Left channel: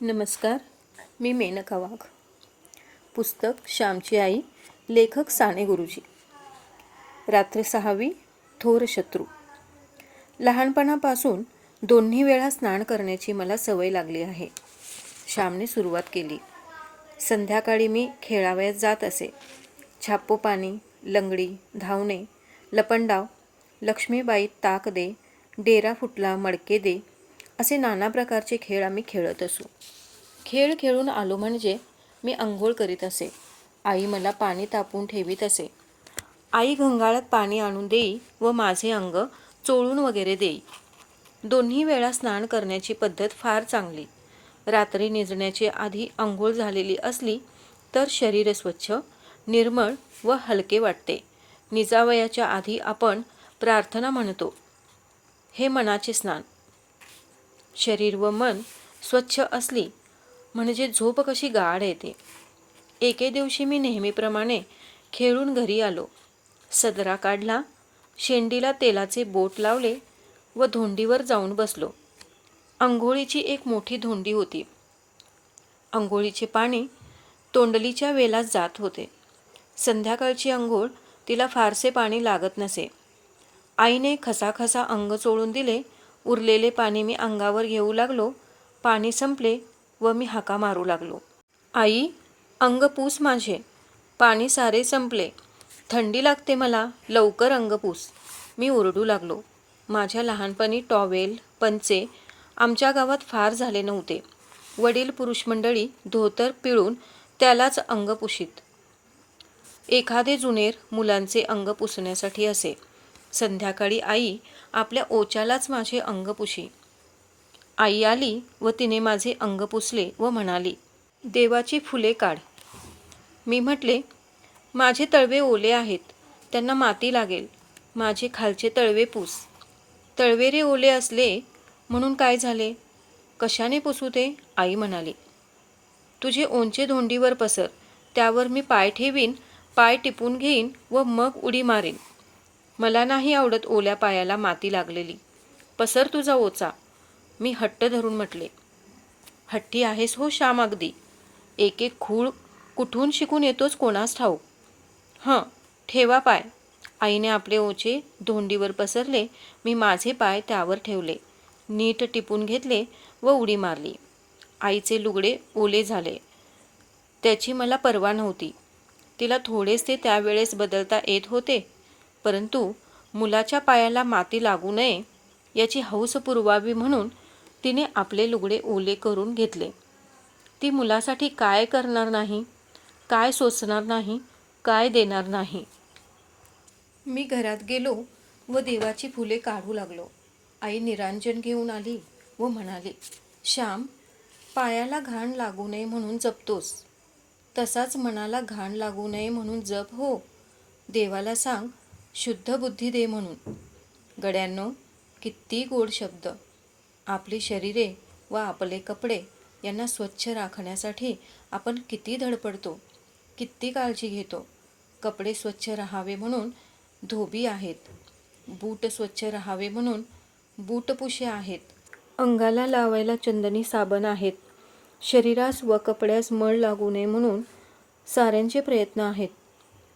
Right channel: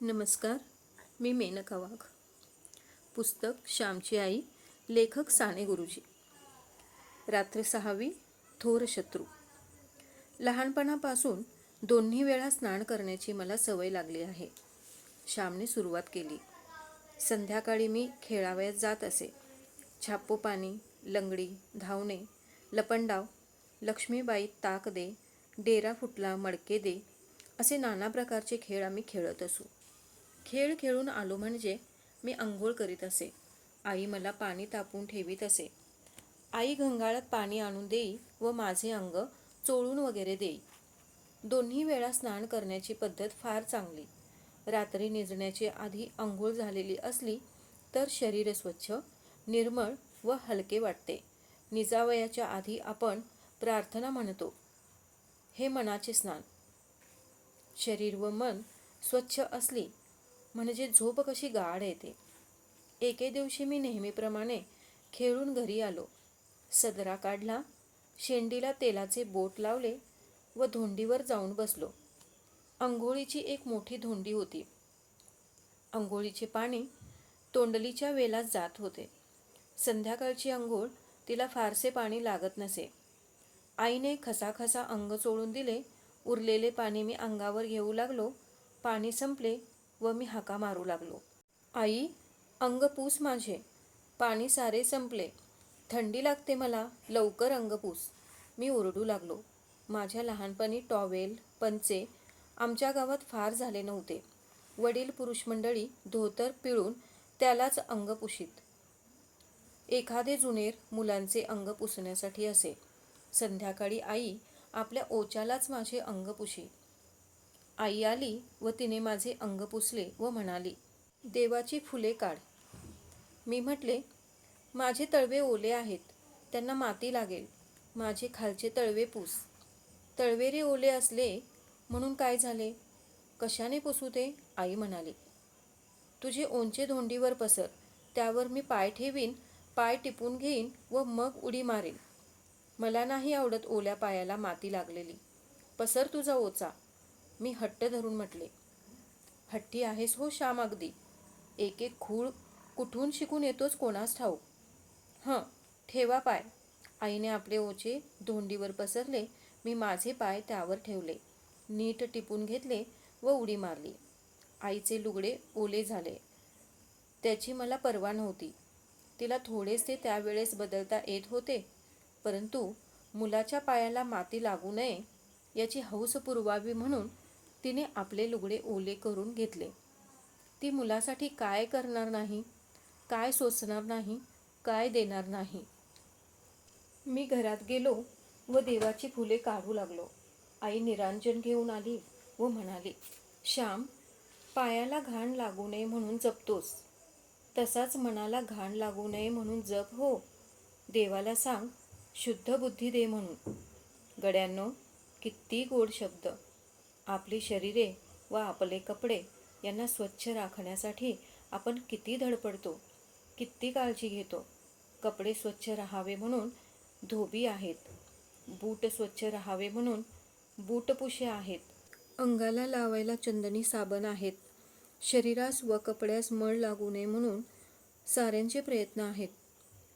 नमस्कार मी मेनका वाघ. पुस्तक श्यामची आई लेखक साने गुरुजी. रात्र सहावी थोर शत्रू. लहानपणापासून दोन्ही वेळा स्नान करण्याची मला सवय लागली आहे. श्यामने सुरुवात केली. संध्याकाळी मी खेळावयात जात असे. छापोपाणी लंगडी धावणे लपंडाव लक्ष्मीबाई ताक दे डेरा फुटला मडके दे असे नाना प्रकारचे खेळ आम्ही खेळत असू. खेळ खेळून आलो म्हणजे मी आंघोळ करीत असे. आई मला पाणी तापून ठेवीत असे. आई घंगाळात पाणी आणून देई व माझे अंग चोळून वगैरे देई. दोन्ही वेळा स्नान करण्याची पद्धत फार चांगली. रात्री निजण्याची आधी आंघोळ झालेली असली तर शरीर स्वच्छ निर्मळ व हलके वाटते. निजावयाच्या आधी आपण प्रार्थना म्हणतो. हे मनाचे स्नान. शरीर व मन स्वच्छ असली म्हणजे झोप कशी गाढ येते. एके दिवशी मी नेहमीप्रमाणे खेळून घरी आलो. सदरा काढला शेंडीला तेलाचे बोट लावले व धोंडीवर जाऊन बसलो. अंघोळीची एक मोठी धोंडी होती. अंघोळीचे पाणी तोंडलीच्या वेलात जात होते. संध्याकाळची अंघोळ तिला फारसे पाणी लागत नसे. आईने खसाखसा अंग चोळून दिले उरलेले पाणी मी अंगावर घेऊ लागलो पाणी संपले व मी हाका मारू लागलो. आई अंग पूस माझे. पाणी सारे संपले. थंडी लागते मला. लवकर अंग पूस. मी ओरडू लागलो. माझ्या लहानपणी टॉवेल पंचे आमच्या गावात फार झाले नव्हते. वडील पुरुष मंडळी धोतर पिळून त्यालाच अंग पुशीत. एखादे जुनेर मुलांचे अंग पुसण्यासाठी असे. संध्याकाळी आई आपल्या ओच्यालाच माझे अंग पुशी. आई आली व तिने माझे अंग पुसले व म्हणाली देवाची फुले काढ. मी म्हटले माझे तळवे ओले आहेत त्यांना माती लागेल. माझे खालचे तळवे पुस. तळवेरे ओले असले म्हणून काय झाले? कशाने पुसू ते? आई म्हणाली. तुझे ओंचे धोंडीवर पसर त्यावर मी पाय ठेवीन पाय टिपून घेईन व मग उडी मारेन. मला नाही आवडत ओल्या पायाला माती लागलेली. पसर तुझा ओचा. मी हट्ट धरून म्हटले. हट्टी आहेस हो श्याम अगदी. एक एक खूळ कुठून शिकून येतोच कोणास ठाऊक हं ठेवा पाय. आईने आपले ओचे धोंडीवर पसरले. मी माझे पाय त्यावर ठेवले. नीट टिपून घेतले व उडी मारली. आईचे लुगडे ओले झाले. त्याची मला पर्वा नव्हती. तिला थोडेसे त्यावेळेस बदलता येत होते. परंतु मुलाच्या पायाला माती लागू नये याची हौस पुरवावी म्हणून तिने आपले लुगडे ओले करून घेतले. ती मुलासाठी काय करणार नाही? काय सोचणार नाही? काय देणार नाही? मी घरात गेलो व देवाची फुले काढू लागलो. आई निरांजन घेऊन आली व म्हणाली श्याम पायाला घाण लागू नये म्हणून जपतोस. तसाच मनाला घाण लागू नये म्हणून जप हो. देवाला सांग शुद्ध बुद्धी दे म्हणून. गड्यांनो किती गोड शब्द आपली शरीरे व आपले कपडे यांना स्वच्छ राखण्यासाठी आपण किती धडपडतो किती काळजी घेतो. कपडे स्वच्छ राहावे म्हणून धोबी आहेत. बूट स्वच्छ राहावे म्हणून बूटपुशे आहेत. अंगाला लावायला चंदनी साबण आहेत. शरीरास व कपड्यास मळ लागू नये म्हणून साऱ्यांचे प्रयत्न आहेत.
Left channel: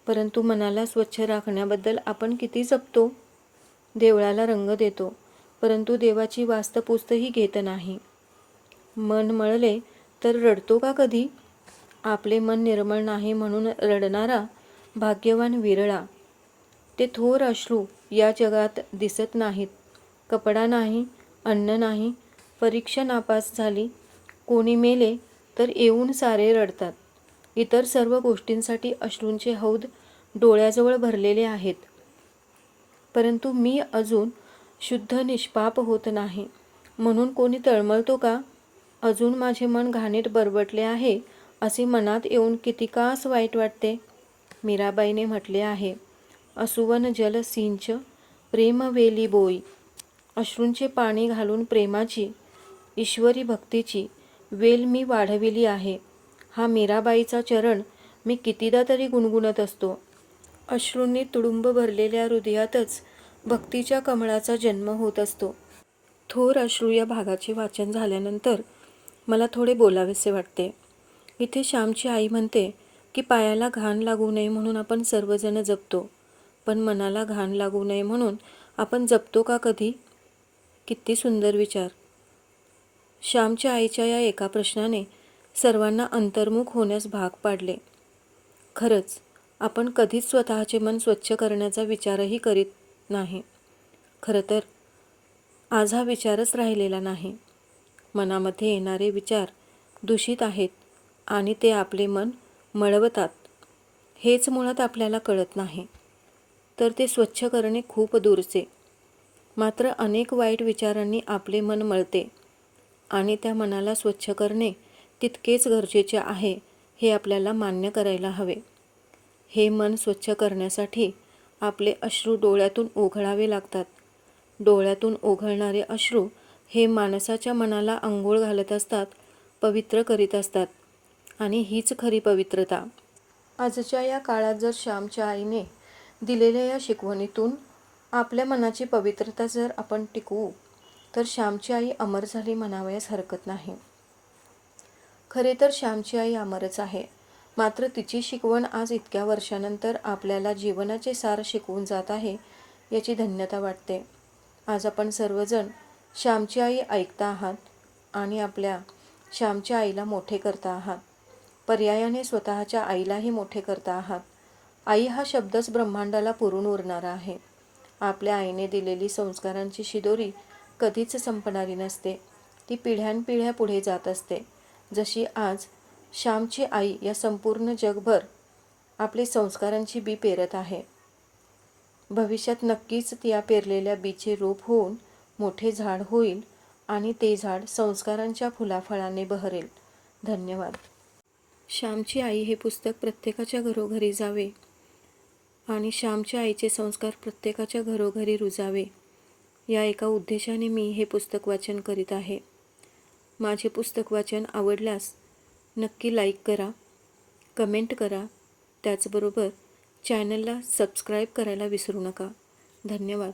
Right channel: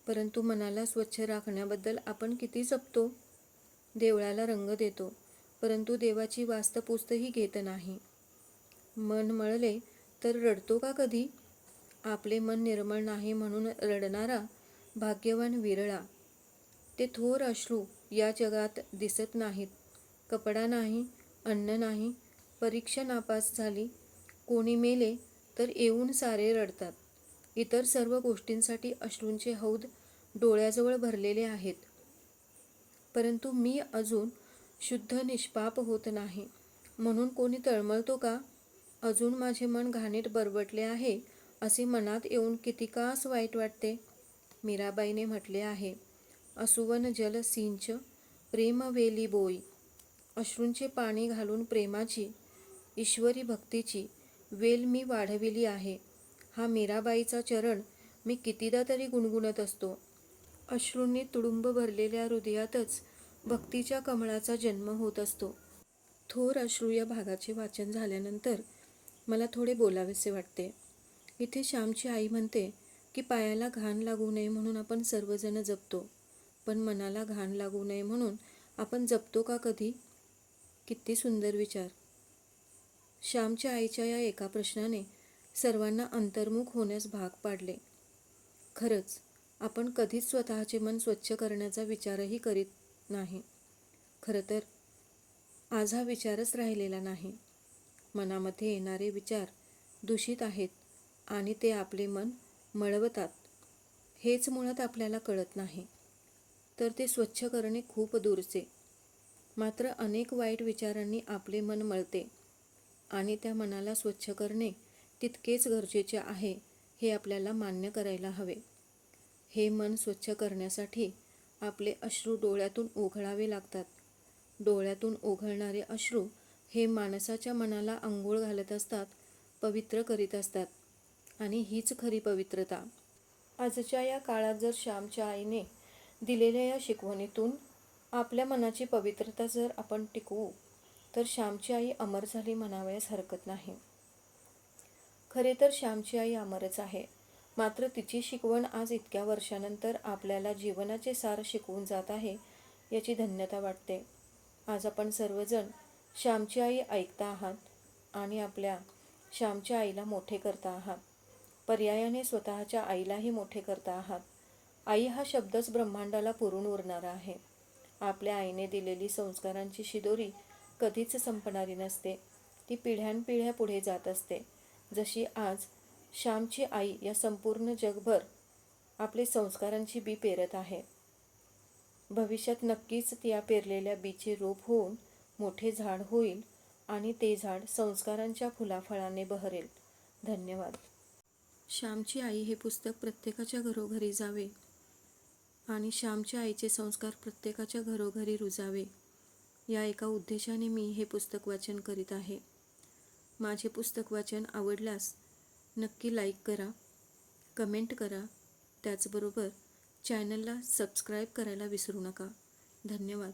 परंतु मनाला स्वच्छ राखण्याबद्दल आपण किती जपतो? देवळाला रंग देतो परंतु देवाची वास्तपुस्तही घेत नाही. मन मळले तर रडतो का कधी? आपले मन निर्मळ नाही म्हणून रडणारा भाग्यवान विरळा. ते थोर अश्रू या जगात दिसत नाहीत. कपडा नाही अन्न नाही परीक्षा नापास झाली. कोणी मेले तर येऊन सारे रडतात. इतर सर्व गोष्टींसाठी अश्रूंचे हौद डोळ्याजवळ भरलेले आहेत. परंतु मी अजून शुद्ध निष्पाप होत नाही. म्हणून कोणी तळमळतो का? अजून माझे मन घाणीत बरबटले आहे असे मनात येऊन किती कास वाईट वाटते? मीराबाईने म्हटले आहे असुवन जल सिंच प्रेम वेली बोई. अश्रूंचे पाणी घालून प्रेमाची ईश्वरी भक्तीची वेल मी वाढविली आहे. हा मीराबाईचा चरण मी कितीदा तरी गुणगुणत असतो. अश्रूंनी तुडुंब भरलेल्या हृदयातच भक्तीच्या कमळाचा जन्म होत असतो. थोर अश्रू या भागाचे वाचन झाल्यानंतर मला थोडे बोलावेसे वाटते. इथे श्यामची आई म्हणते की पायाला घाण लागू नये म्हणून आपण सर्वजण जपतो. पण मनाला घाण लागू नये म्हणून आपण जपतो का कधी? किती सुंदर विचार. श्यामच्या आईच्या या एका प्रश्नाने सर्वांना अंतर्मुख होण्यास भाग पाडले. खरंच आपण कधीच स्वतःचे मन स्वच्छ करण्याचा विचारही करीत नाही. खरं तर आज हा विचारच राहिलेला नाही. मनामध्ये येणारे विचार दूषित आहेत आणि ते आपले मन मळवतात. हेच मुळात आपल्याला कळत नाही. तर ते स्वच्छ करणे खूप दूरचे. मात्र अनेक वाईट विचारांनी आपले मन मळते आणि त्या मनाला स्वच्छ करणे तितकेच गरजेचे आहे हे आपल्याला मान्य करायला हवे. हे मन स्वच्छ करण्यासाठी आपले अश्रू डोळ्यातून ओघळावे लागतात. डोळ्यातून ओघळणारे अश्रू हे माणसाच्या मनाला आंघोळ घालत असतात पवित्र करीत असतात. आणि हीच खरी पवित्रता. आजच्या या काळात जर श्यामच्या आईने दिलेल्या या शिकवणीतून आपल्या मनाची पवित्रता जर आपण टिकवू तर श्यामची आई अमर झाली म्हणावयास हरकत नाही. खरे तर श्यामची आई अमरच आहे. मात्र तिची शिकवण आज इतक्या वर्षानंतर आपल्याला जीवनाचे सार शिकवून जात आहे याची धन्यता वाटते. आज आपण सर्वजण श्यामची आई ऐकता आहात आणि आपल्या श्यामच्या आईला मोठे करता आहात. पर्यायाने स्वतःच्या आईलाही मोठे करता आहात. आई हा शब्दच ब्रह्मांडाला पुरून उरणारा आहे. आपल्या आईने दिलेली संस्कारांची शिदोरी कधीच संपणारी नसते. ती पिढ्यानपिढ्या पुढे जात असते. जशी आज श्यामची आई या संपूर्ण जगभर आपले संस्कारांची बी पेरत आहे. भविष्यात नक्कीच त्या पेरलेल्या बीचे रूप होऊन मोठे झाड होईल आणि ते झाड संस्कारांच्या फुलाफळाने बहरेल. धन्यवाद. श्यामची आई हे पुस्तक प्रत्येकाच्या घरोघरी जावे आणि श्यामच्या आईचे संस्कार प्रत्येकाच्या घरोघरी रुजावे. या एका उद्देशाने मी हे पुस्तक वाचन करीत आहे. माझे पुस्तक वाचन आवडल्यास नक्की लाईक करा कमेंट करा. त्याचबरोबर चॅनलला सबस्क्राईब करायला विसरू नका. धन्यवाद.